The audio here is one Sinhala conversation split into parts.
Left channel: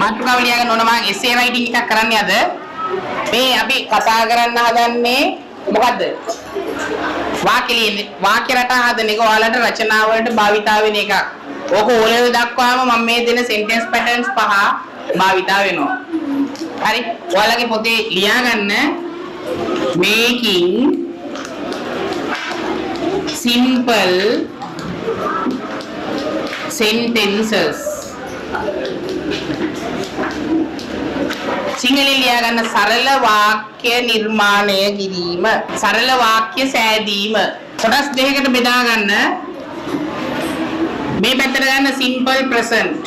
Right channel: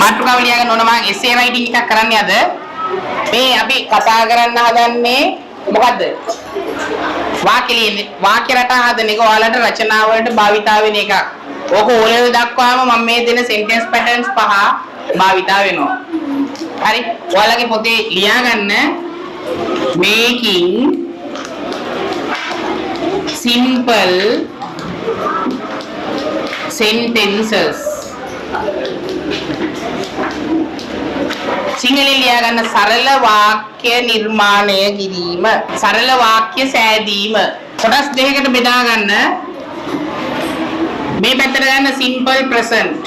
මාතෘකාව ලියාගෙන ඕන මම essay writing එකක් කරන්නේ අද. මේ අපි කතා කරන්න හදන්නේ මොකද්ද? වාක්‍ය රටා හදන එක ඔයාලට රචනා වලට භාවිතා වෙන එකක්. ඕක O level දක්වාම මම මේ දෙන sentence patterns පහ භාවිතා වෙනවා. හරි. ඔයාලගේ පොතේ ලියාගන්න making simple sentences. සිංහලෙන් ලියාගන්න සරල වාක්‍ය නිර්මාණය කිරීම. සරල වාක්‍ය සෑදීම. කොටස් දෙකකට බෙදා ගන්න. මේ පැත්තට ගන්න simple present.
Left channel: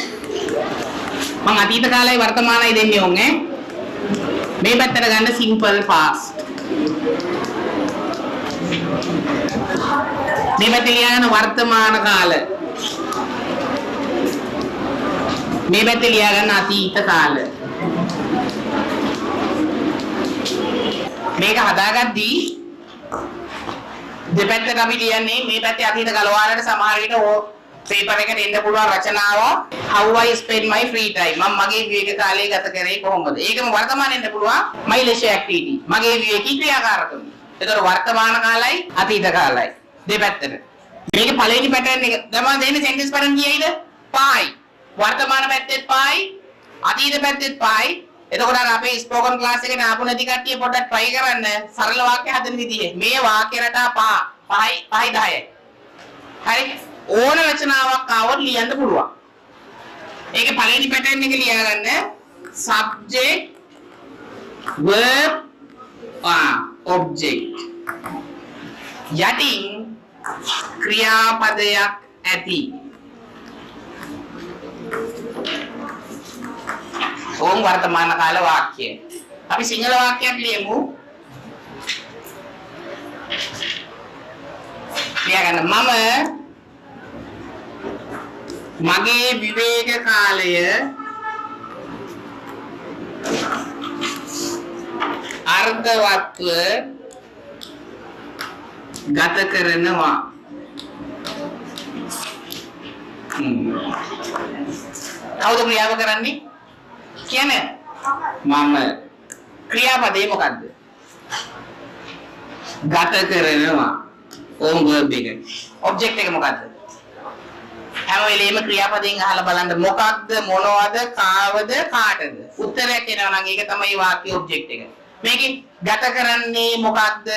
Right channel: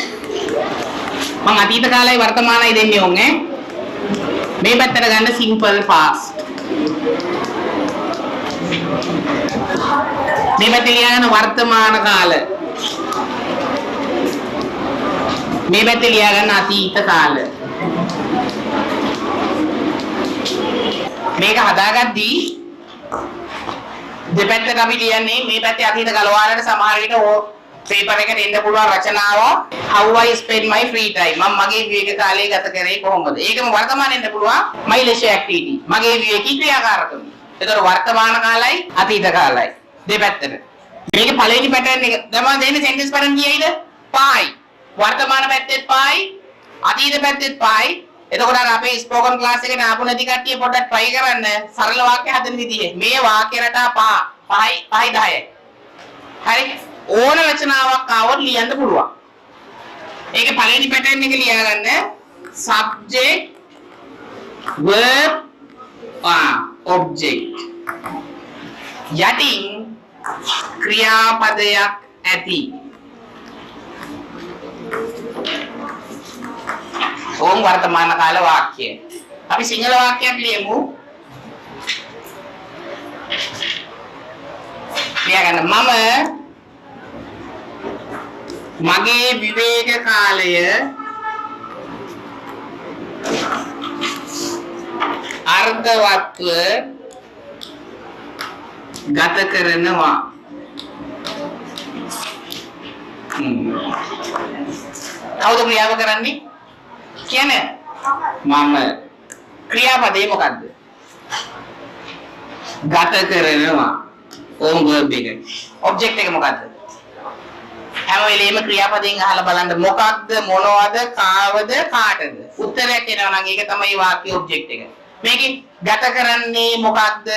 මම අතීත කාලයි වර්තමානයි දෙන්නේ ඕනේ. මේ පැත්තට ගන්න simple past. මේ පැත්තේ ලියාගන්න වර්තමාන කාල. මේ පැත්තේ ලියාගන්න අතීත කාල. මේක හදාගද්දී දෙපැත්තට අපි ලියන්නේ මේ පැත්තේ අතීත කාල. ඔයාලට සමහර විට පේපර් එකට එන්න පුළුවන් රචනාව how I spend my free time. මම මගේ විවේක කාලය ගත කරේ කොහොමද? ඒකම වර්තමානයේ එන්න පුළුවන් my leisure activity. මගේ විවේකී ක්‍රියාකාරකම්. ඒතර වර්තමාන කාලයි අතීත කාලයි දෙපැත්තට. මේකේ පළවෙනි පැටර්න් එක ගමන් දෙන්නේ සෙන්ටෙන්ස් පැටර්න් කීයයිද? පහයි. වර්තමාන පැත්තෙත් පහයි, අතීත පැත්තෙත් පහයි. එතකොට අර අපේ ස්පෝකන් ක්ලාස් එකේ ආපු නැති කට්ටිය පොඩ්ඩක් try කරන්න සරල වාක්‍ය හදන විදිහේ. මේ වාක්‍ය රටා 5යි 10යි. හරි. ඕන රචනාවක් ආවොත් ලියන්න පුළුවන්. ඒකේ පළවෙනි පැටර්න් එක ලියාගන්න subject verb object. යටින් ක්‍රියාපදයක් ඇති. ඕම් වර්තමාන කාල වාක්‍ය. අපි සිංහල වාක්‍යයක් ලියමු. ලියාගන්න මම මගේ විවේක කාලය අර්ධවත්ව ගත කරනවා. කවුද ක්‍රියාව කරන්නේ? කියන්නේ මම. ක්‍රියාපදේ මොකද්ද? ගත කරනවා. ඕම් verb එක. object එක මොකද්ද? හැම වෙලේම ක්‍රියාපදයෙන් අහලා බලන්න මොකක්ද මොනවද කාවද කාටද උත්තරයක් එනවා නම් ඒක තමයි වාක්‍ය ඔබ්ජෙක්ට් එක. මේකෙන් ගත කරන්නේ මොකක්ද?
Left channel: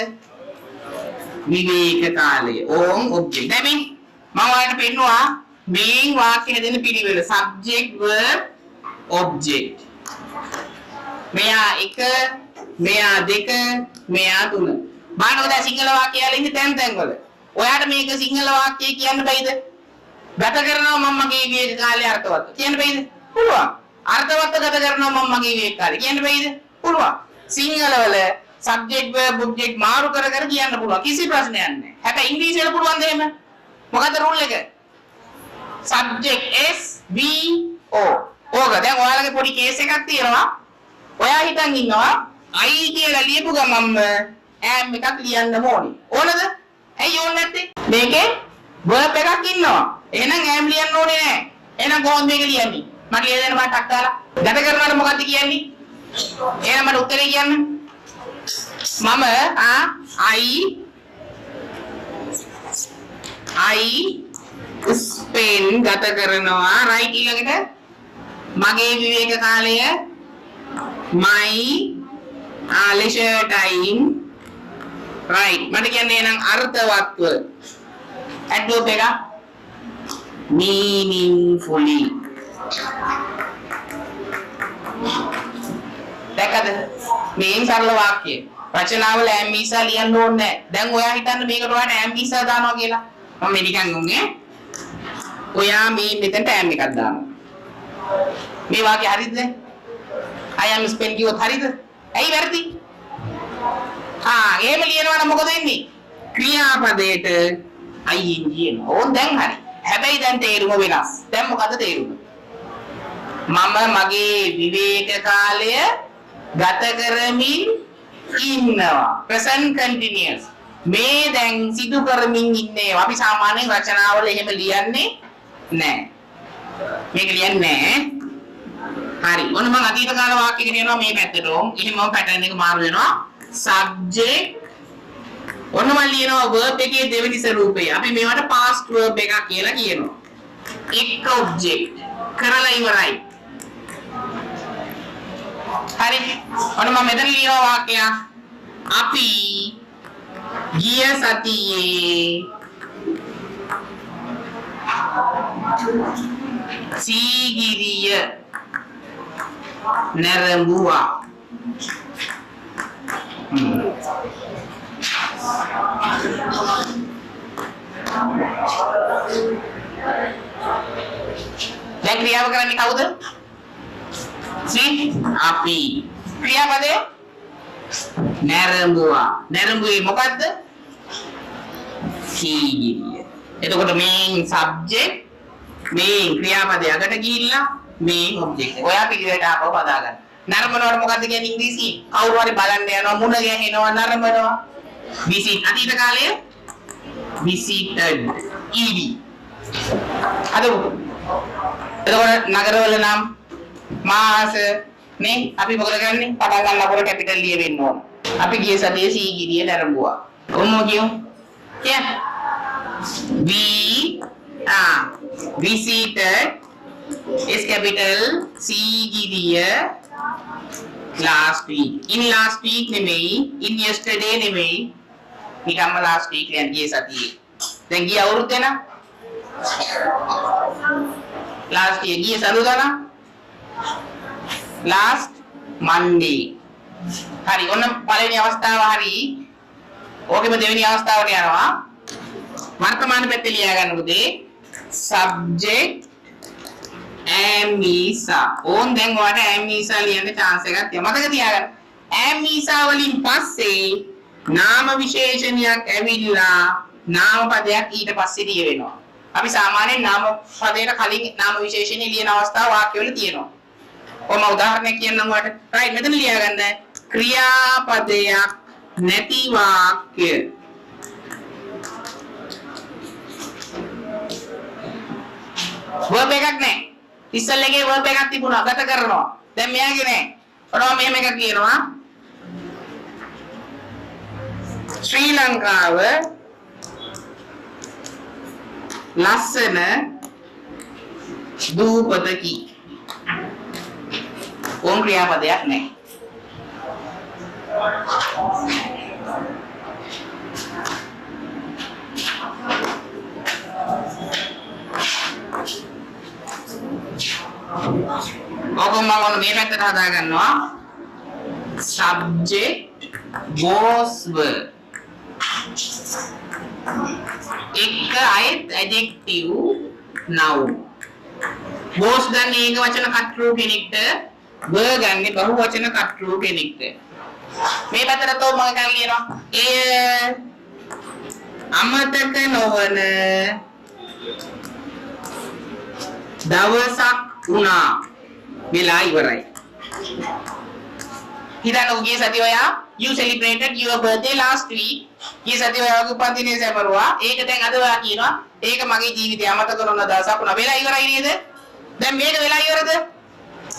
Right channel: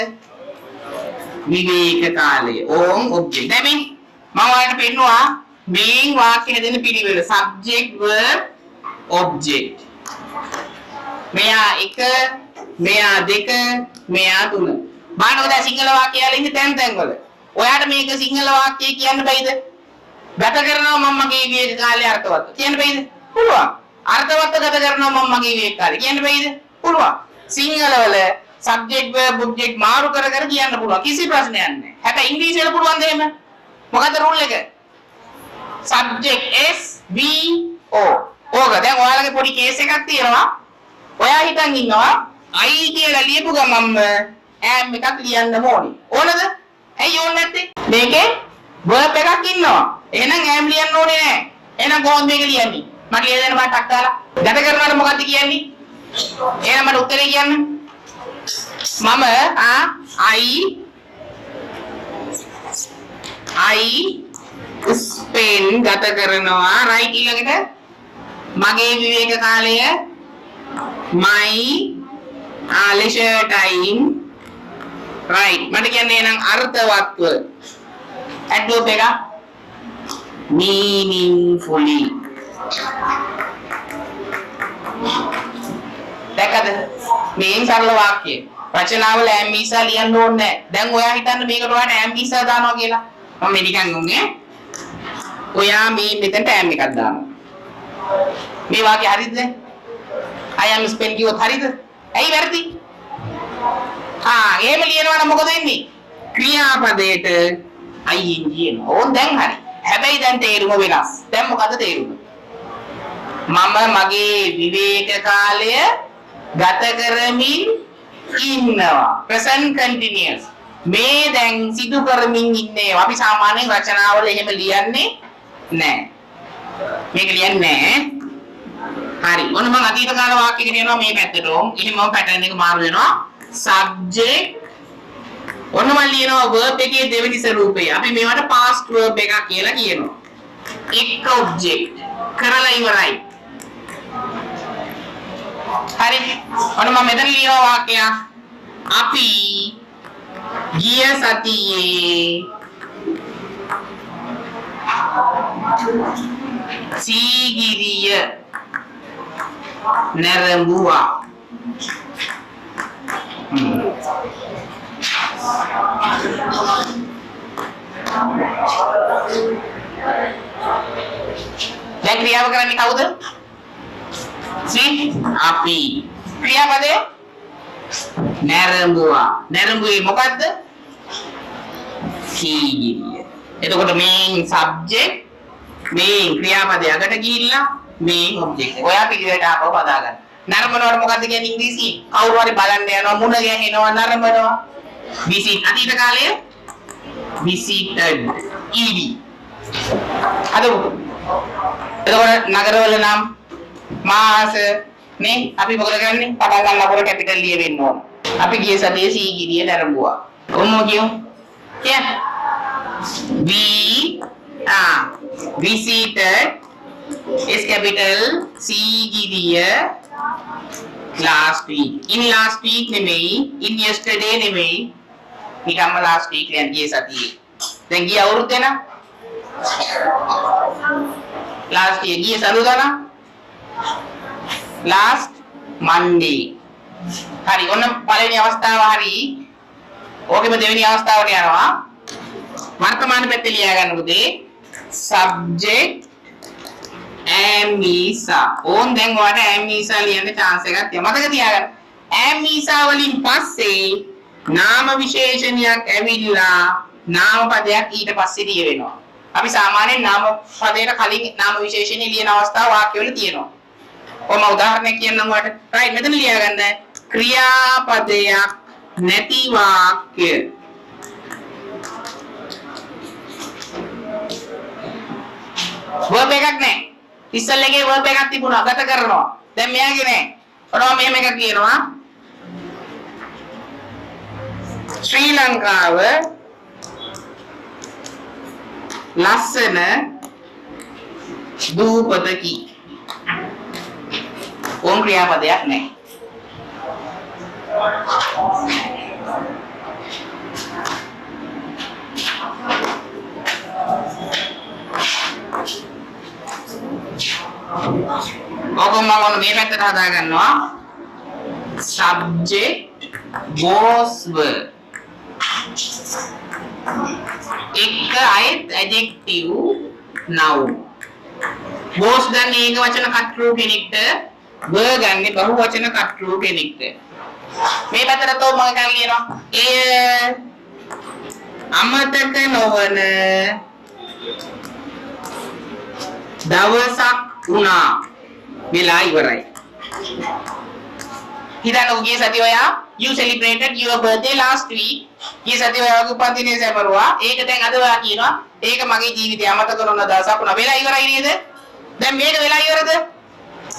විවේක කාලය. ඕම් ඔබ්ජෙක්ට්. දැන් මම ඔයාලට පෙන්නවා මේන් වාක්‍ය හදන පිළිවෙල. subject verb object. මෙයා 1 මෙයා 2 මෙයා 3. බලන්න ඔය සිංහල වාක්‍ය වල ඉන්නේ තැන් වල. ඔයාට මේක සිංහල වාක්‍ය කියන්න බැයිද? ගත කරනවා මම මගේ විවේක කාලය අර්ථවත් කියන්න බැයිද? පුළුවන්. අර්ථවත් ගත කරනවා මම මගේ විවේක කාලය කියන්න බැයිද? පුළුවන්. සිංහල වල subject verb object මාරු කර කර කියන්න පුළුවන්. කිසි ප්‍රශ්නයක් නැහැ. හැබැයි ඉංග්‍රීසියට පුළුවන්ද එහෙම? මොකද රූල් එක? subject S V O. ඕක දැන් ඔයාලගේ පොඩි කේස් එකක් තියෙනවා. ඔයා හිතන් ඉන්නවා I කියලා ලියපු ගමන්ම am එකක් ලියන්න ඕනේ. ඕනද? ඇයි ඕනේ නැත්තේ? මේකේ verb එකක් ඉන්නවා. එහෙනම් am ලියන්න ඕනේ නැහැ. එහෙනම් කොහොමද මේක ලියන්නේ? මට හේදෙන පාටක් දාලා. ගත කරනවාට මොකද්ද කියන්නේ? එහෙනම් මට උත්තරේ කියන්න. මම I spend ගත කරනවා right ඊළඟට මගේ විවේක කාලය my leisure time right මට කියන්නේ නම් අර්ථවත්ව adverb එක meaningfully. දැක්කද? මේ සරල වාක්‍ය. රචනාවල am වීසා ලියන්න ඕනේ නැහැ. දැන් ඔයා හිතන්න මේකට ඔයාට am වීසා දානවා කියලා. මම මේ නිකන් උන්නේ. ඔයා මේ මෙතනට am එකක් දානවා. මේ වාක්‍ය හරිද? I am spend කිව්වොත් හරිද? ඇයි වැරදි? එහෙම ලියනවා නම් මොකද වෙන්නේ? ක්‍රියාපදයට ing එනවා. ඕන් දැන් හරි. හැබැයි දැන් තේරුම වෙනස්. දැන් මොකද තේරුම? මම මගේ විවේක කාලය ගත කරමින් ඉන්නවා. present continuous. මේ දැන් සිදු කරමින් ඉන්නේ. අපි සාමාන්‍යයෙන් රචනාවල එහෙම ලියන්නේ නැහැ. මේක ලියන්නේ නැහැ. හරි. ඔන්න මම අතීත කාල වාක්‍ය කියනවා මේ පැත්තට. එහෙනම් මම පැටර්න් එක මාරු වෙනවා. subject ඔන්න මම ලියනවා verb එකේ දෙවෙනි ස්වරූපය. අපි මේවට past verb එකක් කියලා කියනවා. එක් object කරලා ඉවරයි. හරි. ඔන්න මම මෙතන ලියනවා වාක්‍යයක්. අපි ගිය සතියේ සීගිරිය නැරඹුවා. දැන් ක්‍රියාව කරන්නේ කවුද? අපි. ක්‍රියාපදේ නැරඹුවා. නැරඹුවේ මොකද්ද? සීගිරිය. එතකොට main subject main ක්‍රියාපදේ අගට ගිහිල්ලා main object එක. ඔයා පිළිවෙලට ආපහු හදා ගන්න. නරඹනවට මොකද්ද කියන්නේ ඉංග්‍රීසි? කවුරු හරි බලන්න යනවා මුණ ගැහෙනවා නරඹනවා. visit අතීත කාලයේ visited ed. අද එතකොට නගරවල නම් මාස නේ අපි මොකද කරන්නේ? පටන් ගන්න අපර කැපිටල් ලියවෙන්න ඕන. අපි ගිය සතියේ සීගිරිය නරඹුවා. කොහොමද කියමු? we visited is capital Sigiriya last week. In last week නෙමෙයි, in yesterday නෙමෙයි. නිකම්ම last week කියන්නේ ගිය සතියේ. දැන් ගිය අවුරුද්ද න last year ගිය සරුදා න last Monday. හරි ඔන්න පළවෙනි අවස්ථාව හරි. ඕකෙම දෙවෙනි අවස්ථාවට යනවා. වර්තමාන පැත්තේ ලියා ගන්න පුතේ. subject am isa. ඕන් දැන් ඔයාලට am isa ලියන්න chance එකක් තියෙනවා. මතක තියාගන්න. am isa වලින් පස්සේ නාම විශේෂණයක් ඇවිල්ලා නාම පදයක් ඊට පස්සේ ලිය වෙනවා. අපි සාමාන්‍යයෙන් නාම පදයට කලින් නාම විශේෂණය ලියන අවස්ථාව වාක්‍යවල තියෙනවා. ඔම උදාහරණයක් කියන්නම් ඔයාලට. right මෙතන ලියා ගන්න. ක්‍රියාපදයක් නැති වාක්‍ය. verb එකක් නැහැ. ඉස්සල් එකේ verb එකක් තිබුණා ගත කරනවා. දැන් මෙයාගේ නැහැ. ඔනවා මෙහෙම එකක් කියනවා. ශ්‍රී ලංකාව ලස්සන දූපතකි. ඕම් ක්‍රියාපදයක් නැහැ. ඔබ මම මේ පැත්තට හදා ගන්නවා. subject was were. එක අයත් adjective noun. was ගන්න ඒක වචන කර්තෘ කෙනෙක්ට, were ගන්න බහු වචන කර්තෘ කෙනෙක්ට. මේ පැත්තට තෝ මම ගන්න ලියනවා. එය අමතක නොවන දවසක් වුණා. වෙලා ඉවරයි. හිතන්න උගේ සතිය ඔයා you celebrated your birthday last week. ඊ සතිය ඔයාගේ උපන්දිනේ සැමරුවා. ඒක දැන් අද ඔයා කියනවා ඒක මගේ ජීවිතේ අමතක නොවන දවසක් වුණා. වෙලා ඉවරයි නේද? දැන් මේක වෙලා ඉවරද?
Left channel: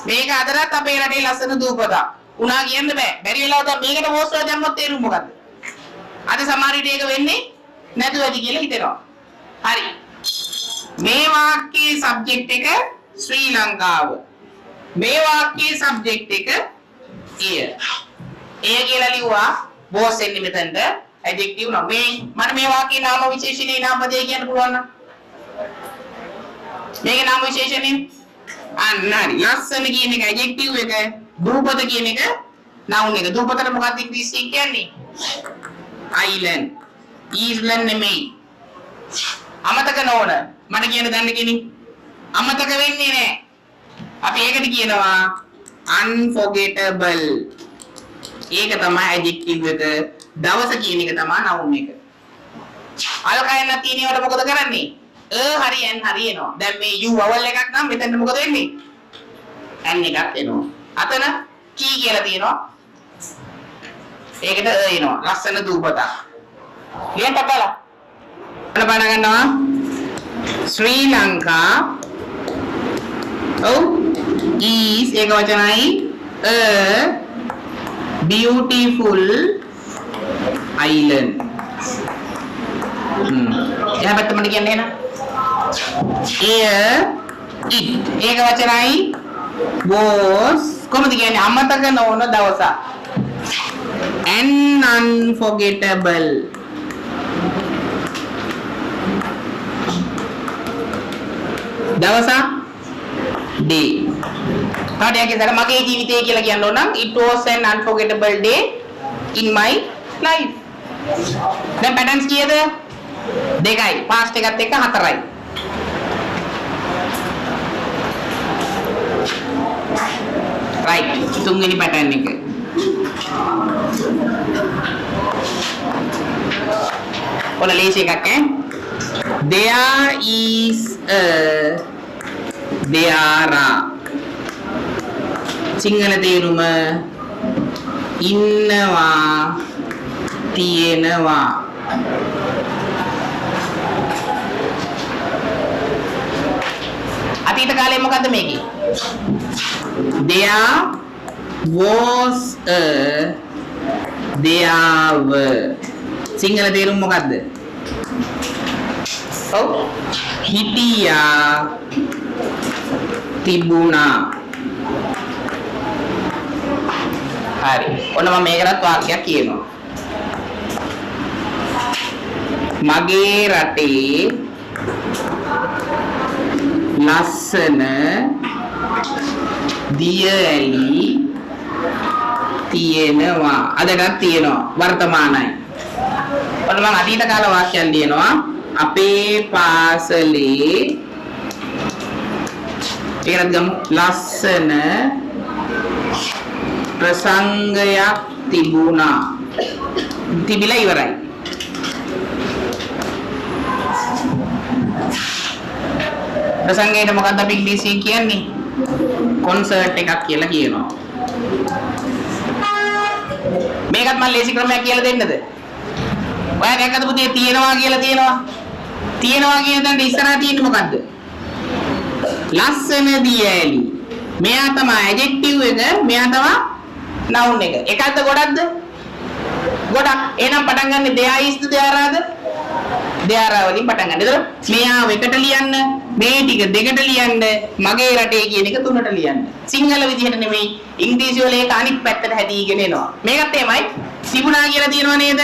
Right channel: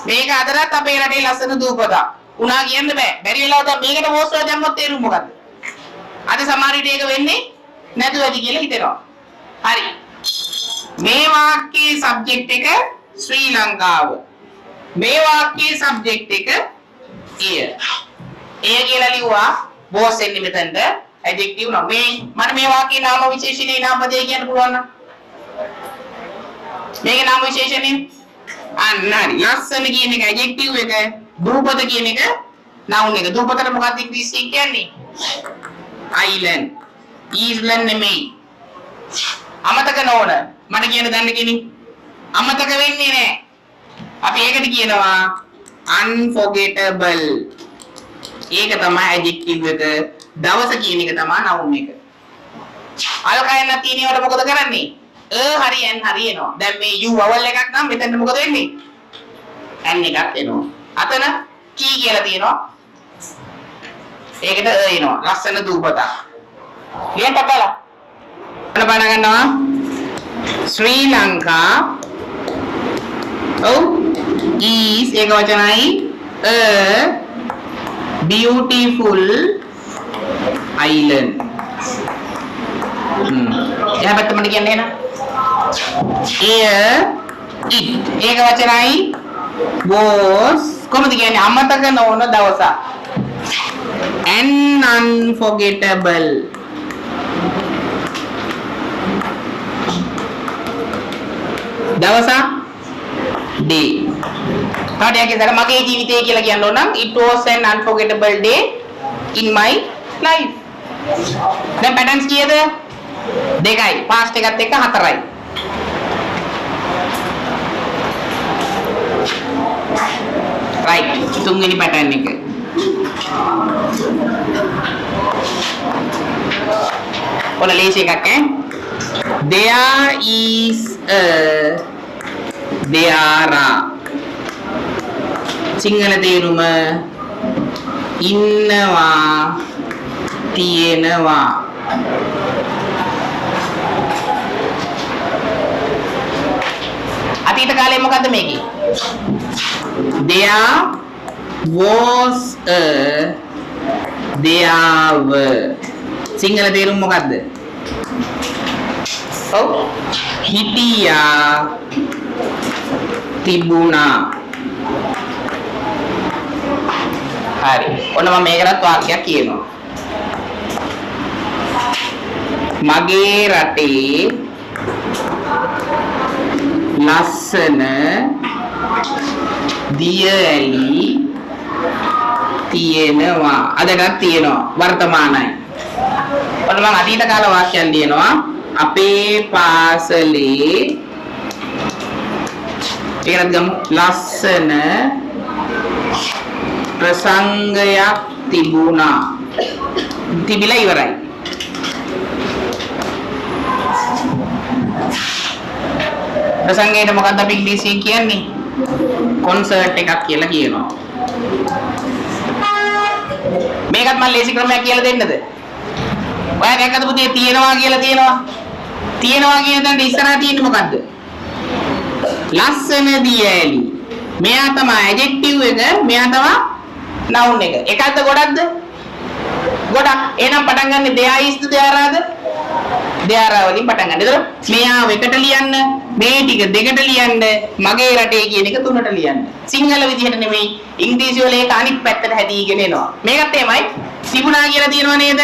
මේක අදටත් අපේ රටේ ලස්සන දූපතක්. උනා කියන්න බෑ. බැරි වෙලාව දැන් මේකට පෝස්ට් එක දැම්මොත් තේරුම් මොකද්ද? අද සමහර විට ඒක වෙන්නේ නැතුව ඇති කියලා හිතෙනවා. හරි. මේ වාක්‍යයේ සබ්ජෙක්ට් එක ශ්‍රී ලංකාව. මේ වාක්‍යයේ සබ්ජෙක්ට් එක එය. එය කියලා ලිව්වා බෝස් එන්නේ මෙතනට ඇඩ්ජෙක්ටිව් නම. මට මේ වාක්‍යයේ නාම විශේෂණේ නාම පදේ කියන්න පුළුවන් නම්. මේකේ නාම විශේෂණේ අන්න හරි. ලස්සන කියන එක ඇඩ්ජෙක්ටිව් එක, දූපත කියන එක noun එක. දූපතට මොකක්ද ඉංග්‍රීසියෙන් කියන්නේ? island. island නෙමෙයි. අමතක නොවන. මට කියන්න දන්න කෙනෙක් අමතක වෙන්නේ නැහැ. අපි ඒකට කියනවා unforgettable. ඒක තමයි adjective එක. දවස කියන එක තමයි noun එක. අල්කයන් තියෙනවට මොකද කරන්නේ? හරි n හරි එනවා. දැන් මේ u vowel එකක් නම් මෙතන මොකද වෙන්නේ? n එකක් එනවා. අතන key කියලා තියෙනවා. ඒකට එනවා. ලස්සන දූපතක්. ලියන්න බලන්න. බලන්න ගන්නවා. ශ්‍රී ලංකා is ඒක වචනයි a beautiful island. එහා පැත්ත මට කියන්න එන. it ඒක වචනයි was කොහොමද කියන්නේ අමතක නොවන දවසක්. an unforgettable දවසක් day. තාඩියක් ඉතල මගේ ජීවිතය කියලා කියන්න ඕන නම් it was an unforgettable day in my life. දැන් පැටර්න්ස් කීයද? දෙකයි. past එකත් එක්ක හතරයි. right. තුන්වෙනි පැටර්න් එක. ඔන්න ලේසි එකක් ඈ. There is a there are Sinhala තේරුම ඉන්නවා තියෙනවා. අතීත කාලේ මොකද්ද මේකේ? There was a there were Sinhala තේරුම මොකද්ද? ඔව් හිටියා තිබුණා. හරි. ඔන්න මම මේකටත් වාක්‍යයක් කියනවා. මගේ රටේ ලස්සන දිය ඇලි තියෙනවා. අදටත් තියෙනවා වර්තමානයි. ඔන්න මම අතීත කාල වාක්‍යයක් ලියනවා. අපේ පාසලේ ඒකත් ගමු ලස්සන ප්‍රසංගයක් තිබුණා. තිබිලා ඉවරයි. ප්‍රසංගයට මොකක්ද අපි ඉංග්‍රීසියෙන් කියන්නේ? කොන්සර්ට් එකක් කියලා කියනවා. මේකත් මම ලේසි ක්‍රමයක් කියලා දෙන්නද? ඔයා දැක්කද පුතේ තියෙනවා කියලා තියෙනවා. තියෙනවා කියන දඬ ඉස්සරහා තියෙන්නේ මොකද්ද? ලස්සන දියැලි. මෙයා තමයි ඇඩ්ජෙක්ටිව් එක, මෙයා තමයි noun එක. එකක්ද ගොඩක්ද? ගොඩක්. එහෙනම් පටන් ගන්න there is the there are the? there are වලින් පටන් ගන්න. ඒතර මෙයා එකට ලියන්න, මේ ටික දෙකට ලියන්න, මගේ රටේ කියන එක තුනට ලියන්න. සිංහල විදිහට නෙමෙයි ඉංග්‍රීසි වල ඒක අනිත් පැත්තට හැදීගෙන එනවා. මේකත් එමයයි. සිබුණා කියලා තියෙනව නේද?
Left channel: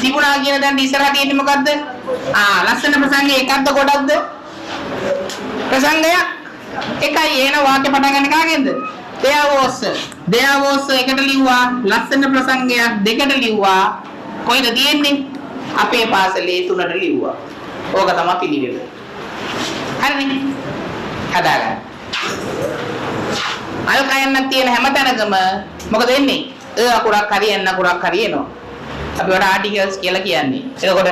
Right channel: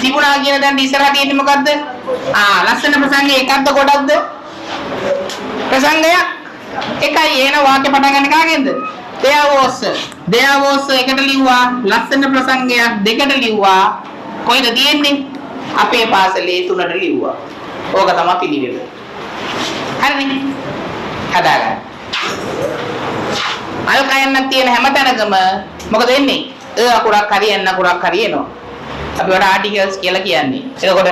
සිබුණා කියන දැන් ඉස්සරහා තියෙන්නේ මොකද්ද? ලස්සන ප්‍රසංගය එකක්ද ගොඩක්ද? ප්‍රසංගයක් එකයි. එන වාක්‍ය පටන් ගන්න කාගෙන්ද? there was එකට ලිව්වා. ලස්සන ප්‍රසංගයක් දෙකට ලිව්වා. කොයිද තියෙන්නේ? අපේ පාසලේ තුනට ලිව්වා. ඕක තමයි පිළිවෙල. හරිනේ. හදාගන්න. අය කයන්නක් තියෙන හැම තැනකම මොකද වෙන්නේ? අකුරක් හරි එන්න අකුරක් හරි එනවා. අපි වල ආටිකල්ස් කියලා කියන්නේ. එතකොට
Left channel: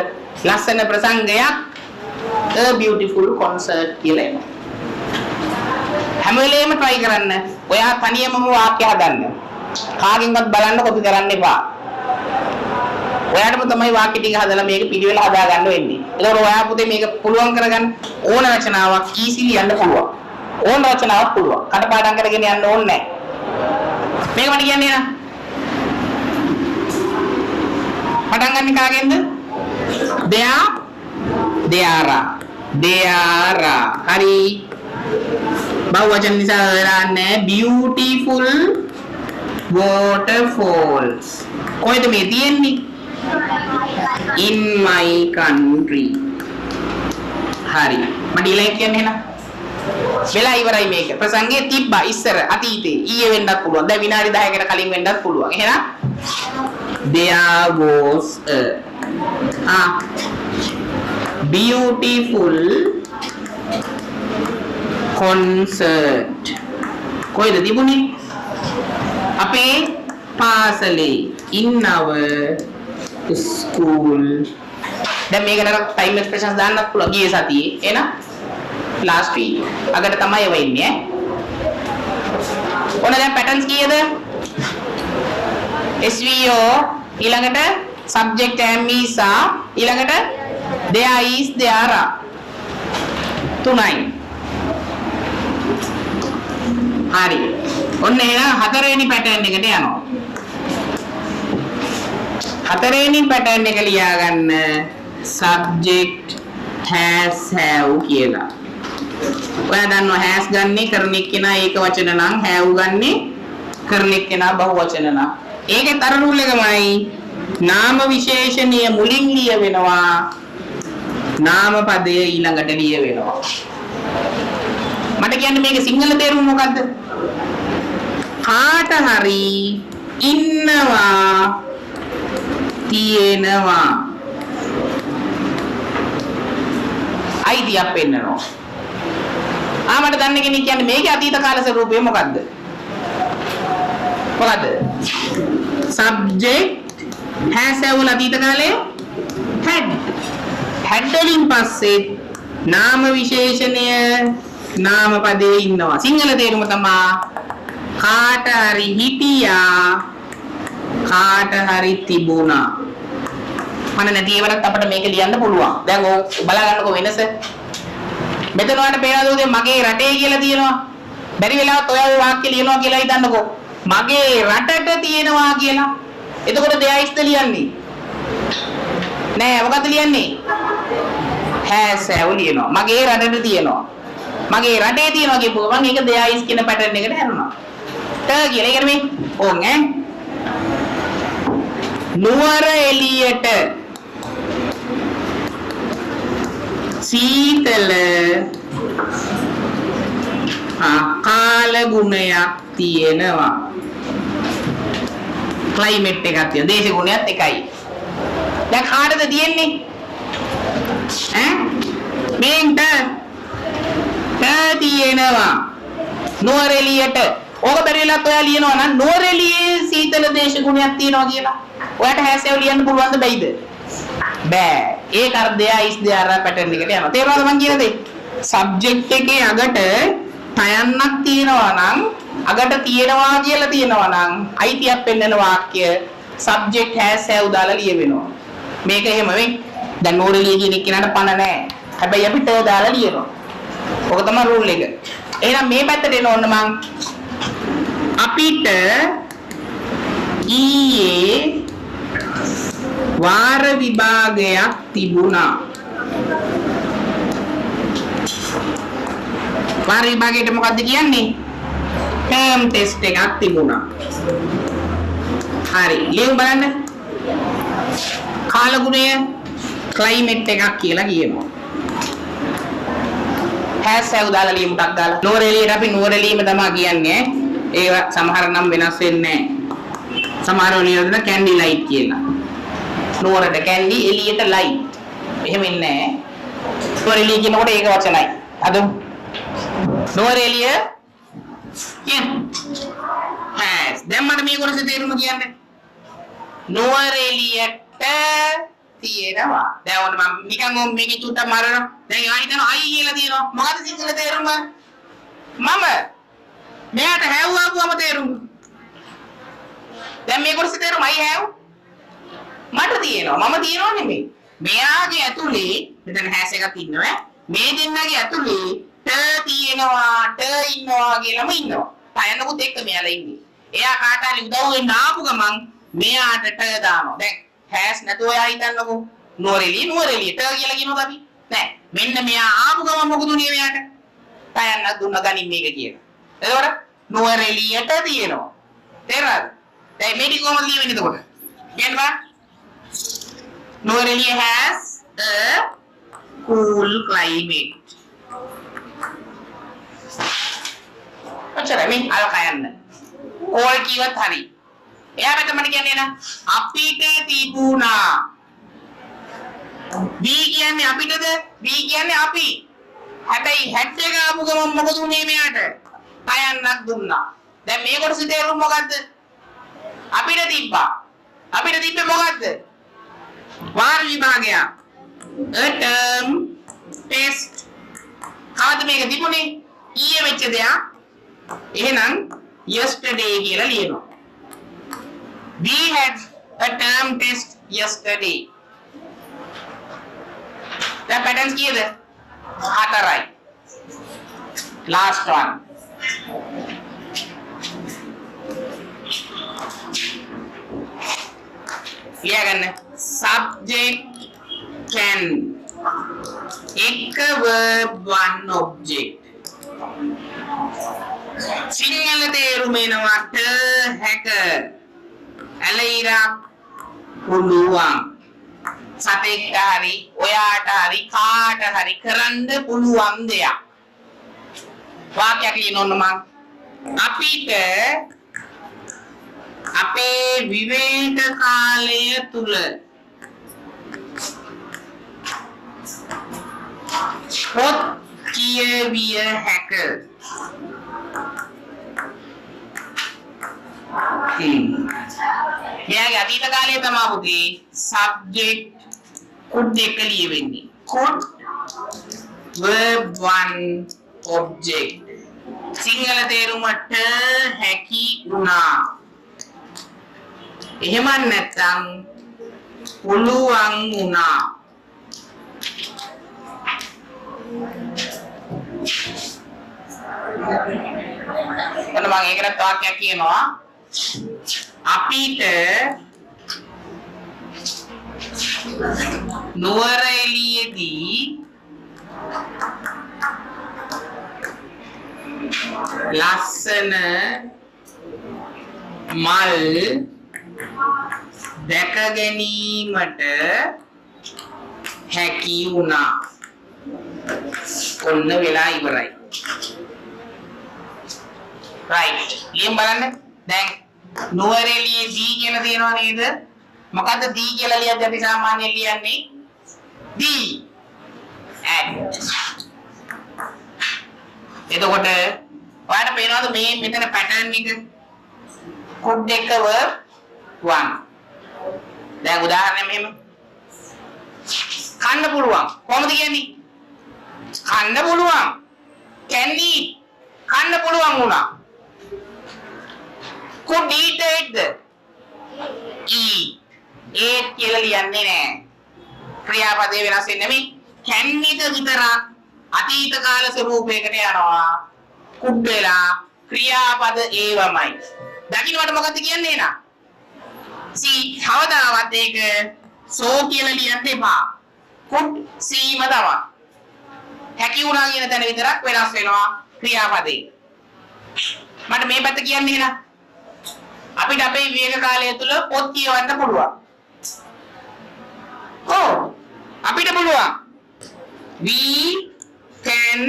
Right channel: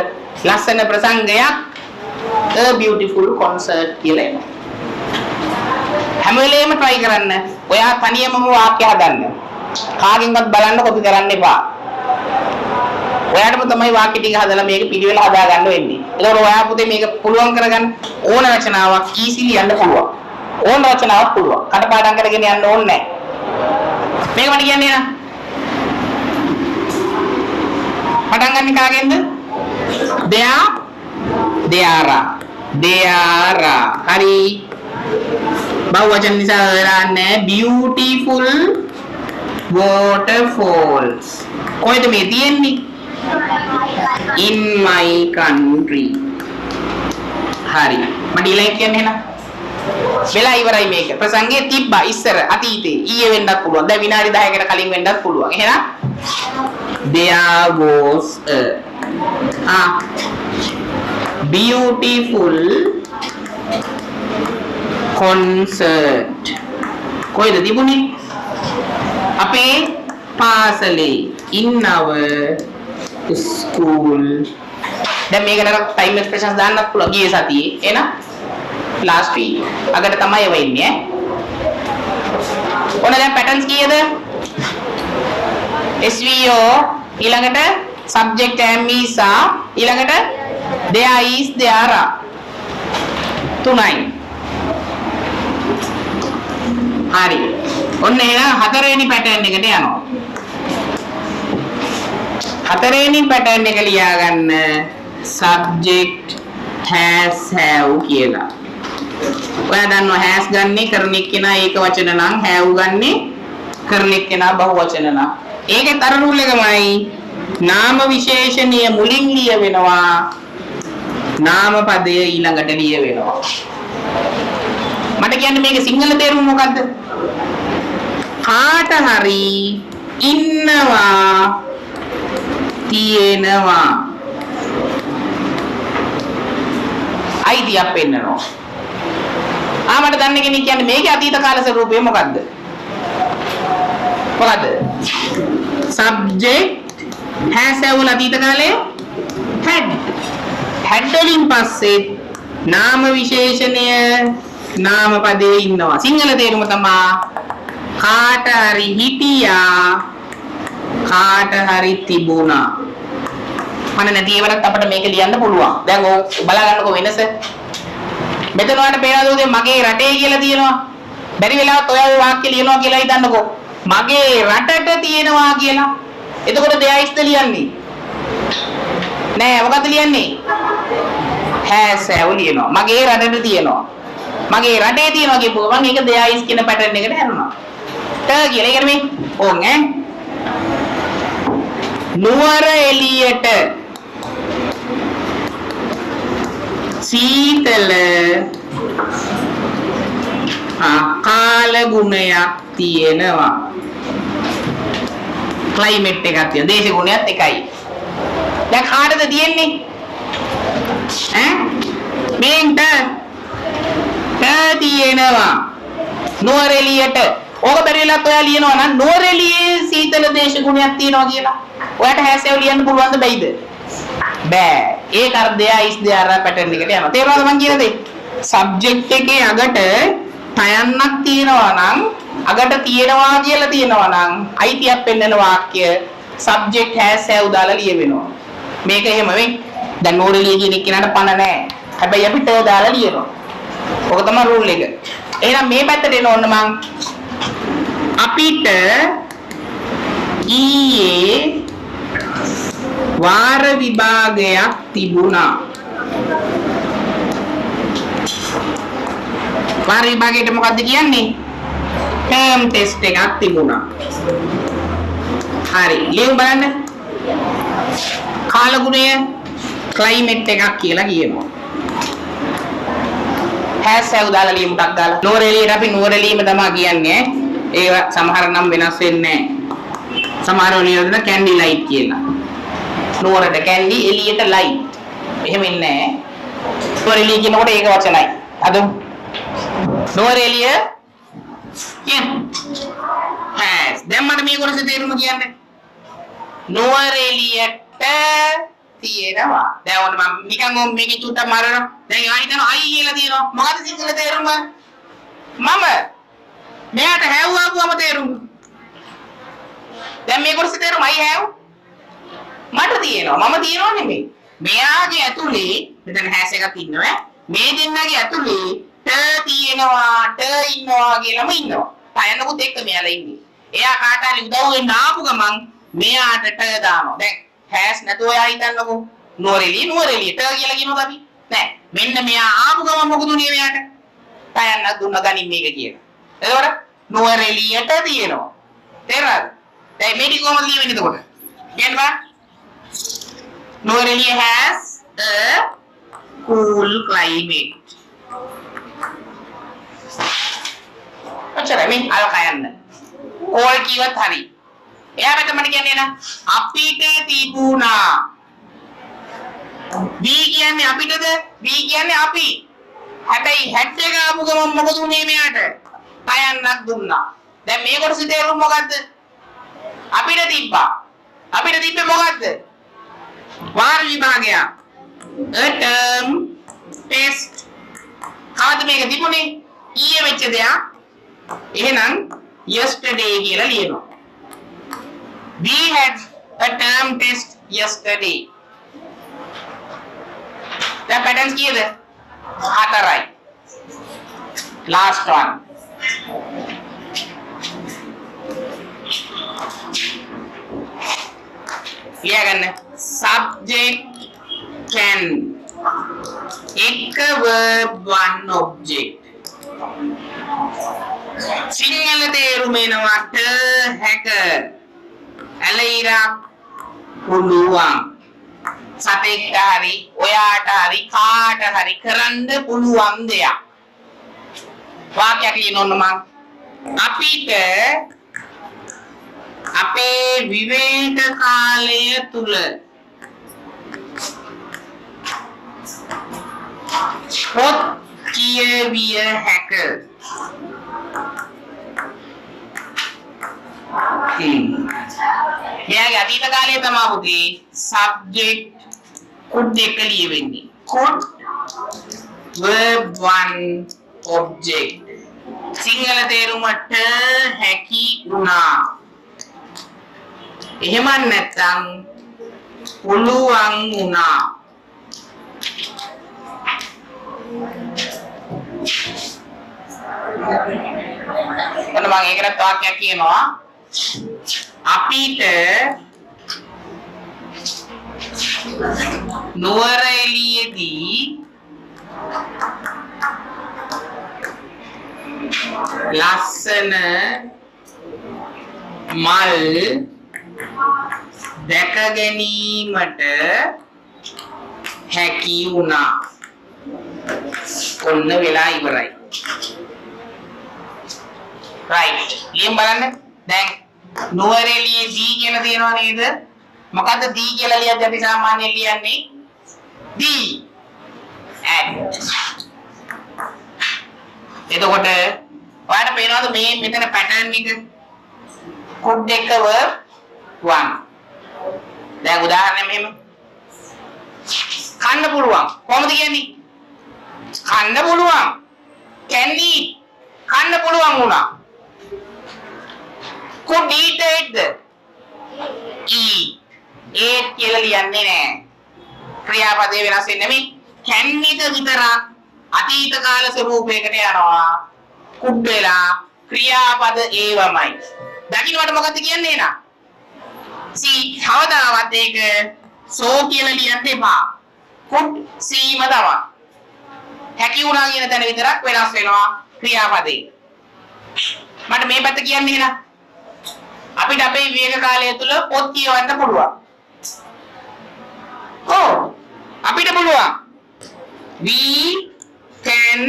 ලස්සන ප්‍රසංගයක් a beautiful concert කියලා එනවා. හැම වෙලේම try කරන්න. ඔයා තනියමම වාක්‍ය හදන්න. කාගෙන්වත් බලන්න කොපි කරන්න එපා. ඔයාටම තමයි වාක්‍ය ටික හදලා මේක පිළිවෙල හදා ගන්න වෙන්නේ. ඒකෝර ඔයා පුතේ මේක පුළුවන් කරගන්න ඕන රචනාවක් easily යන්න පුළුවන්. ඕන රචනාවක් පුළුවන්. කටපාඩම් කරගෙන යන්න ඕනේ නැහැ. මේක මට කියන්නේ නේද? පටන් ගන්න කාගෙන්ද? there හරි. බහුවචන නිසා හරන්නේ beautiful waterfalls. කොහෙද මේ තියෙන්නේ? in my country. හරි. මට ඊළඟ කියන්නේ එහෙනම්. වෙලා ඉවරයි මේක. ප්‍රසංගයේ තිබ්බා ඉස්සර අතීතේ. ඊයේ වෙන්නත් පුළුවන්. දැන් විනාඩි 10කට කලින් වෙන්නත් පුළුවන්. එහෙනම් there was a beautiful concert. කොයිද තිබුණේ? අපේ පාසලේ. in our school. දැන් මේකට ටයිම් එක්ස්ප්‍රෙෂන්ස් දාන්නත් පුළුවන් ගියේ සතියේ. එහෙනම් last week. අගට තමයි වෙන්නේ ඈ. ඔන්න දැන් පැටර්න්ස් කීයද? SVO ඊළඟට subject am is are ඊළඟට there is there are. තුනයි. හරි. ඔන්න එහෙනම් හතරවෙනි පැටර්න් එකට යනවා. හතරවෙනි පැටර්න් එක ලියා ගන්න subject has have කියලා. ඔයා දන්නවා has ගන්නේ කරන එක්කෙනා ඒක වචන නම් have ගන්නේ කරන එක්කෙනා බහු වචන නම්. ඒකේ තර රූල් එකමයි නාම විශේෂණීය මුලින් ලිය වෙනවා නාම පදය ඊළඟට ලිය වෙනවා. මට කියන්න මේකේ සිංහල තේරුම මොකද්ද? කාට හරි ඉන්නවා තියෙනවා අයිතියක් පෙන්නනවා. මට දන්න කෙනෙක් කියන්නේ මේකේ අතීත කාල ස්වරූපය මොකද්ද? මොකද්ද? subject has වල අතීත කාලයේ had වලින් පස්සේ නාම විශේෂණය නාම පදයේ ඉන්නවා. සිංහල තේරුම තමයි කාට හරි හිටියා කාට හරි තිබුණා. මම නැති ඒවලත් අපිට මේක ලියන්න පුළුවන්. දැන් ඔය බලා ගන්නකො වෙනස. මෙතන වලට පේනවද මගේ රටේ කියලා තියෙනවා. බැරි වෙලාවත් ඔය වාක්‍ය ලියනවා කියලා හිතන්නකො. මගේ රටට තියෙනවා කියලා. එතකොට දෙයයිස්ද ලියන්නේ? නෑ මොකද ලියන්නේ? has have ලියනවා. මගේ රටට තියෙනවා. මගේ රටේ තියෙනවා කියපුවා මම ඒක දෙයයිස් කියන පැටර්න් එකට හැරුණා. ට කියලා ඒකට මේ ඕන් ඈ. නුවර එළියට සීතල කාල ගුණයක් තියෙනවා. ක්ලයිමේට් එකක් තියෙනවා. දේශ ගුණයත් එකයි. දැන් කාටද තියෙන්නේ? මේන්ට තියෙනවා. නුවර එළියට. ඕක බැරිලත් ඔයා ලියනවා නම් නුවර එළියේ සීතල දේශ ගුණයක් තියෙනවා කියලා. ඔයාට හැසෙව ලියන්න පුළුවන්ද බැයිද? බෑ. ඒක අර දෙයා ඉස් දෙයා පැටර්න් එකට යනවා. තේරුණාද මං කියන දේ? සබ්ජෙක්ට් එකේ අගට තයන්නක් තියෙනවා නම් අගට තියෙනවා කියලා තියෙනවා නම් අයිතියක් පෙන්වන වාක්‍ය subject has have දාලා ලියවෙනවා. මේක එහෙම වෙයි. දැන් නුවර එළිය කියන එක නට පණ නැහැ. හැබැයි අපිට දාලා ලියනවා. ඔක තමයි රූල් එක. එහෙනම් මේ පැත්තට එන ඕන්න මං අපිට ඊයේ වාර විභාගයක් තිබුණා. වාර විභාගයට මොකද්ද කියන්නේ? term test එකක් තිබුණා. හරි. ලියමු බලන්න. කාලගුණය climate එකක් කියලා කියනවා. has have දාලා ලියමු ටක් දාලා. නුවර එළියට අපි නුවර එළියම තමයි කියන්නේ. ඒව සමහර නම් වෙනස් වෙන්නේ නැහැ. සමහර වලින් කැන්ඩි ලයිට් කියලා. නුවරට කැන්ඩි එළියට ලයිට්. එහෙම ඉන්නේ නැහැ. නුවර එළිය කියනකොට ඒක වචනයි. අද නුවර එළිය has. දැන් මට මේ කොටසේ තේරුම කියන්නේ. නුවර එළියට තියෙනවා. දැන් ඔන්න මම නිකන් මේකේ චුට්ටක් මාරනවා. දැන් ඒවා හිතන අයි කියලා තියෙනවා. මොකද සිංහල තේරුම? මම මෙයාට have ආපුවම තේරුම. දැන් මේ කොටසේ තේරුම I have මට තියෙනවා. මම තියනවා නෙමෙයි. මෙයාගේ ඇතුලේ මෙතන has එකක් ඉන්නවා. මේ දෙන්නගේ ඇතුලේ ට තියෙනවා, ට ඉන්නවා කියලාම ඉන්නවා. තයන්නකොත් එක්ක මෙයාලා ඉන්නේ. එයා කාට හරි උදව් වෙන්න ආපු ගමන් මෙයාට ට දානවා. දැන් has නැතුව එයා හිතන්නකෝ නුවරඑළිය ට කියලා කියනවා අපි. නෑ. මෙන්න මෙයා ආපු ගමන් මොකද උනේ මෙයාට? තයන්නක් දුන්න ගනින් මේක කියලා. එතකොට නුවරඑළියට තියෙනවා. තේරුණාද? දැන් මේක කොහොමද ලියවෙන්නේ එතකොට? කියන්න බෑ. Nuwara Eliya has a cool climate. ඔච්චරයි මේ අර කයන්න. ඕල් කිව්වත් හරි. එයා මෙතන කියන්නේ නා අපිට තිබුණා. B කියන්නේ අපිටද? B කියන්නේ අපි. හැබැයි හැට් එක ආපු ගමන් මොකද උනේ මෙයාට? කයන්නක් දුන්නා. දැන් මේ කොටසේ තේරුම මොකද්ද? අපිට තිබ්බා. අපිට තිබ්බේ මොකද්ද? වාර විභාගය. a term test. කාද මේක තිබුණේ? ඊයේ වෙච්ච දෙයක්. එහෙනම් yesterday කියලා ලියනවා. We had a term test yesterday. The patterns kiyada? Hatarai. Last one. ලියගන්න subject can එක verb one object සිංහල තේරුම එනවට හැක ඇලයිරක් පුළුවන් සතෙක්ට හරි ඔයාට හරි කාට හරි කරන්න පුළුවන් දෙයක් වාක්‍යයක් ලියන්න ඕන මං අපිට අපේ විවේක කාලය තුල පොත් කියවිය හැක මෙයාගේ අතීත කාලය තමයි පුතේ subject could දෙක ලියවෙන්නේ could verb one object Sinhala තේරුමට හැකි වුණා එහෙම නැත්නම් පුළුවන් වුණා ඔන්න මම ඒකට වාක්‍යයක් කියනවා අපිට නුවරඑළියේදී ලස්සන මල් දැක ගැනීමට හැකි වුණා. ඔන්න වෙලා ඉවරයි. right ලියන්න බලන්න. දැන් නුවරඑළියේදී කියලා තියෙනවා නේද? මොකද්ද දී කියලා ලියද්දී අපි සාමාන්‍යයෙන් ලියන්නේ දී at. එතකොට ඔයාලට පේනවද මේ මෙතන පැටර්න් එක? could එක verb one. දැන් උදාහරණයක් මෙහෙම. කන්න පුළුවන්. කොහොමද කියන්නේ? කන්න පුළුවන්. can eat. කන්න පුළුවන් වුණා. could eat එකද? eat. eat කියලා ලියන්නේ නැහැ. ක්‍රියාපදේ වෙනස් වෙන්නේ නෙමෙයි. can එක විතරක් අතීත කාල ස්වරූපයකට යනවා. could වෙලා ක්‍රියාපද ඒවමයි. දකින්නට මොකද්ද කියන්නේ නා? see කවදාවත් ඒක so කියලා ලියන්න එපා. could see ම තමයි. හැකි වුණා කියන තැන විතරක් වෙනස් වෙනවා ක්‍රියාපදේ. මට මේ පැත්ත කියන්නේ නා. අපිට අපේ විවේක කාලය තුල පොත් කියවන්න පුළුවන්. අපිට පුළුවන්. we can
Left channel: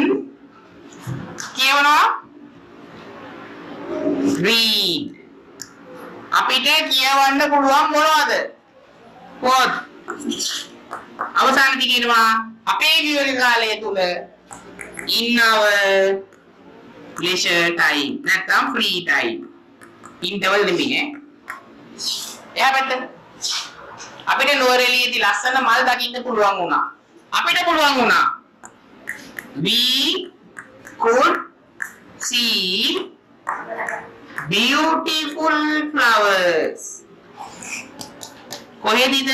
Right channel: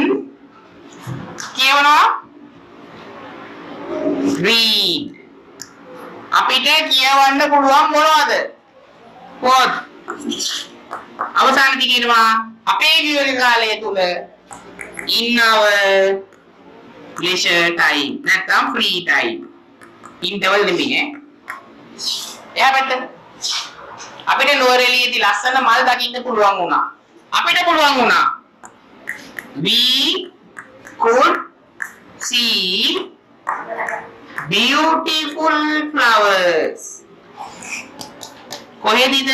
කියවනවා read. අපිට කියවන්න පුළුවන් මොනවද? පොත්. අවසානයේ කියනවා අපේ විවේක කාලය තුල in our leisure time නැත්නම් free time. interval නෙමෙයි ඈ. එයා පැත්ත අපිට නුවරඑළියේදී ලස්සන මල් දකින්න පුළුවන් වුණා. අපිට පුළුවන් වුණා. we could see beautiful flowers. කොහෙදද?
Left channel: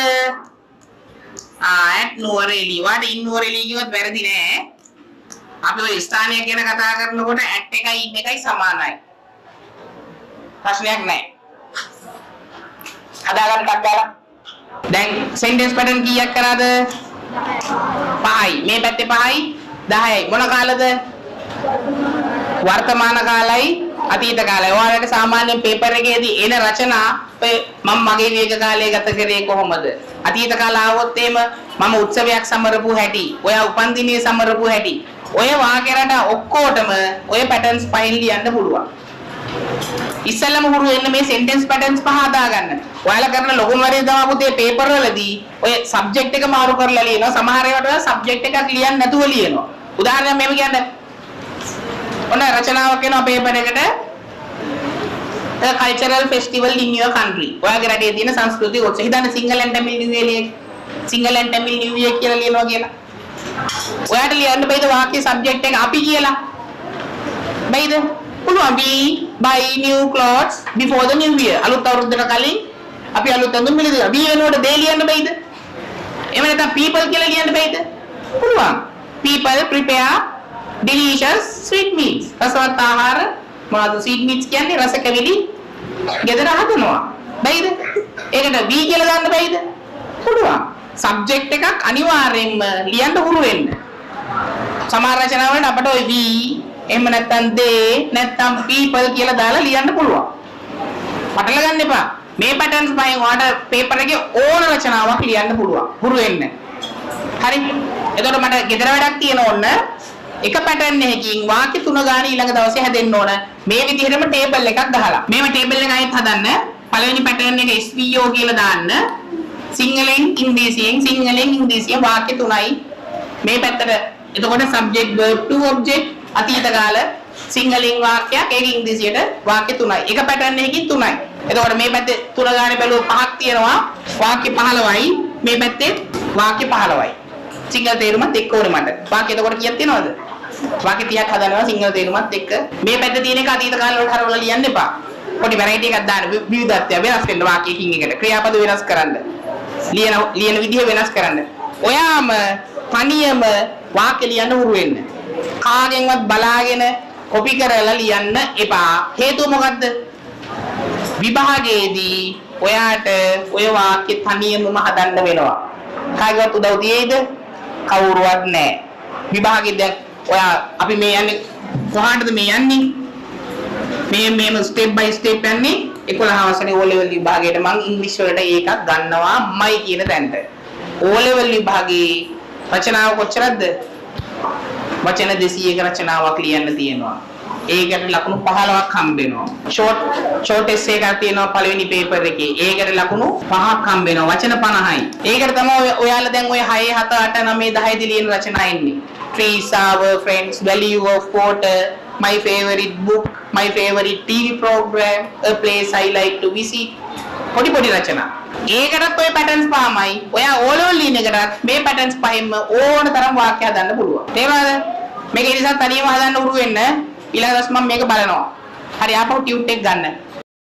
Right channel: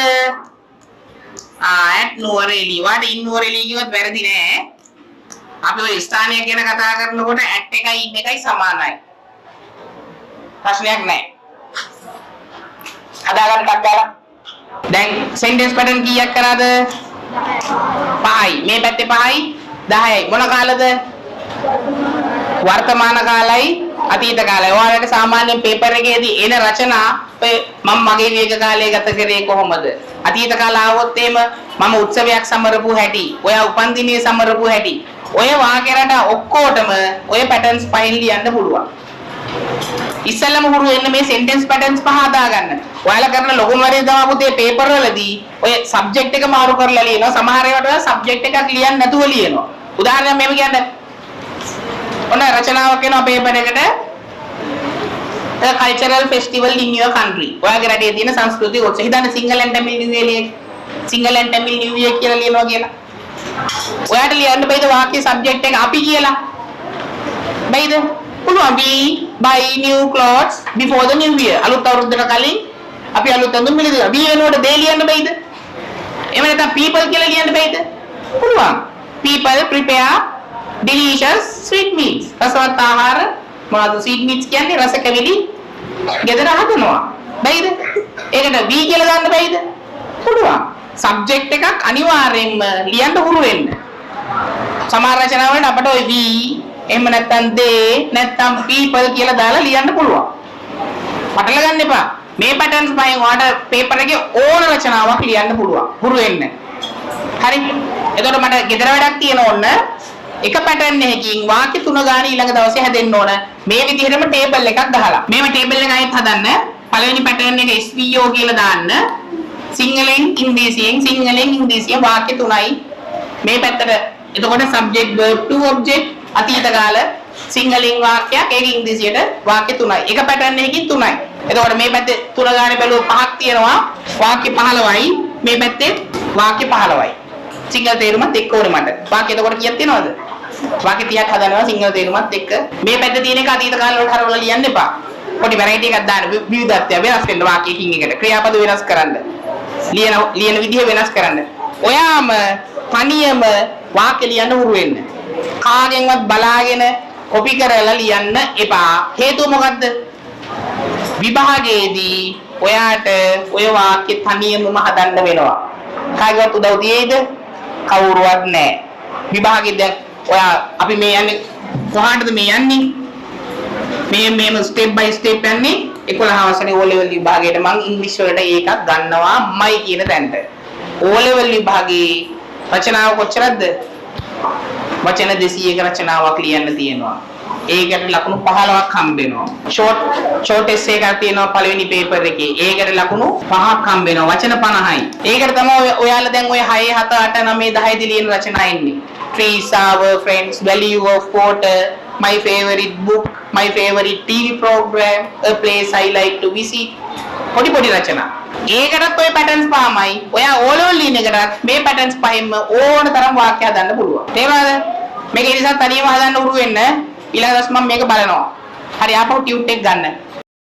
at Nuwara Eliya. වාට in නුවරඑළිය කිව්වත් වැරදි නෑ. අපි ඔය ස්ථානයක් ගැන කතා කරනකොට at එකයි in එකයි සමානයි. ප්‍රශ්නයක් නැහැ. හදාගන්න ටක් ගාලා. දැන් sentence pattern කීයක් කරාද? 5යි. මේ පැත්තේ 5යි 10යි. මොන කාලද? වර්තමාන කාලයි අතීත කාලයි. ඔයාලට සාමාන්‍යයෙන් පේපර් එකේදී එන රචනා මම මගේ විවේක කාලය ගත කරේ කොහොමද? අතීත කාල ආවොත් එහෙම මම උත්සවයක් සමරපු හැටි, ඔයා උපන්දිනයේ සමරපු හැටි. ඔය වාක්‍යරට ඔක්කොටම ඔය පැටර්න්ස් 5 ලියන්න පුළුවන්. ඉස්සෙල්ලම හුරු වෙන්න මේ sentence patterns පහ හදා ගන්න. ඔයාලා කරන ලොකුම වරේ තමයි පුතේ පේපර් වලදී ඔය subject එක මාරු කරලා ලියනවා. සමහර ඒවාට ඔයා subject එකක් ලියන්න නැතුව ලියනවා. උදාහරණයක් මෙහෙම කියන්න. ඔන්න රචනාවක් එනවා පේපර් එකට. The cultural festival in your country. ඔයාගේ රටේ තියෙන සංස්කෘතික උත්සව. හිතන්න Sinhala and tamil new year Sinhala and tamil new year කියලා ලියනවා කියලා. ඔයාට ලියන්න බෑද වාක්‍ය subject එක අපි කියලා? බෑද? පුළුවන්. we buy new clothes before the new year. අලුත් අවුරුද්දට කලින් අපි අලුත් ඇඳුම් මිලදී. we වෙනකොට they ලියන්න බෑද? එහෙම නැත්නම් people කියලා ලියන්න බෑද? පුළුවන්. people prepare delicious sweet meats. රසවත් ආහාර මොනවද sweet meats කියන්නේ? රස කැවිලි ගෙදර හදනවා. බැයිද? ඒකට V කියලා දාන්න බැයිද? පුළුවන්. සබ්ජෙක්ට් එකක් අනිවාර්යෙන්ම ලියන්න හුරු වෙන්න. සමහර රචනාවලට අපිට ওই V එහෙම නැත්නම් they නැත්නම් people කියලා දාලා ලියන්න පුළුවන්. පටල ගන්න එපා. මේ පැටර්න්ස් පහෙන් ඔයාලට පේපර් එකේ ඕන රචනාවක් ලියන්න පුළුවන්. හුරු වෙන්න. හරි. එතකොට මට ගෙදර වැඩක් තියෙන ඕන එක පැටර්න් එකකින් වාක්‍ය තුන ගාන ඊළඟ දවසේ හැදෙන්න ඕන. මේ විදිහටම ටේබල් එකක් ගහලා. මේව ටේබල් එක අයිත් හදන්න. පළවෙනි පැටර්න් එක SVO කියලා දාන්න. සිංහලෙන් ඉංග්‍රීසියෙන් වාක්‍ය තුනයි. මේ පැත්තට එතකොට subject verb to object අතීත කාල සිංහලෙන් වාක්‍යයක් ඒක ඉංග්‍රීසියට වාක්‍ය තුනයි. එක පැටර්න් එකකින් තුනයි. එතකොට මේ පැත්තේ තුන ගානේ බැලුවොත් පහක් තියෙනවා. වාක්‍ය 15යි. මේ පැත්තේ වාක්‍ය 15යි. සිංහල තේරුමත් එක්ක ඕනේ මට. වාක්‍ය එතකොට කීයක් තියෙනවද? වාක්‍ය 30ක් හදනවා සිංහල තේරුමත් එක්ක. මේ පැත්තේ තියෙන එක අතීත කාල වලට හරවලා ලියන්න එපා. පොඩි වැරයිටි එකක් දාන්න. විවිධත්වය වෙනස් වෙන්න වාක්‍යකින් එකට. ක්‍රියාපද වෙනස් කරන්න. ලියන විදිහ වෙනස් කරන්න. ඔයාම තනියම වාක්‍ය ලියන්න උරු වෙන්න. කාගෙන්වත් බලාගෙන කොපි කරලා ලියන්න එපා. හේතුව මොකද්ද? විභාගයේදී ඔයාට ඔය වාක්‍ය තනියමම හදන්න වෙනවා. කාගේවත් උදව් දෙයිද? කවුරුවත් නැහැ. විභාගෙදී දැන් ඔයා අපි මේ යන්නේ කොහාටද මේ යන්නේ? මේම ස්ටෙප් බයි ස්ටෙප් යන්නේ 11 වසරේ O level විභාගයට මම ඉංග්‍රීසි වලට ඒකක් ගන්නවාමයි කියන තැනට. O level විභාගයේ රචනාව කොච්චරද? වචන 200ක රචනාවක් ලියන්න තියෙනවා. ඒකට ලකුණු 15ක් හම්බ වෙනවා. ෂෝට් එස්සේ එකක් තියෙනවා පළවෙනි පේපර් එකේ. ඒකට ලකුණු 5ක් හම්බ වෙනවා. වචන 50යි. ඒකට තමයි ඔයාලා දැන් ඔය 6 7 8 9 10 දී ලියන රචනා ඉන්නේ. Trees, our friends, value of water, my favorite book, my favorite TV program, a place I like to visit. පොඩි රචනා. ඒකටත් ඔය පැටර්න්ස් පහමයි. ඔයා ඕලෝල් ලියන එකටත් මේ පැටර්න්ස් පහෙන්ම ඕන තරම් වාක්‍ය හදන්න පුළුවන්. තේරුණාද? මේක ඉතින් තනියම හදන්න උරු වෙන්න. ඊළඟ දවස් මම මේක බලනවා. හරි ආපහු ටියුට් එක ගන්න.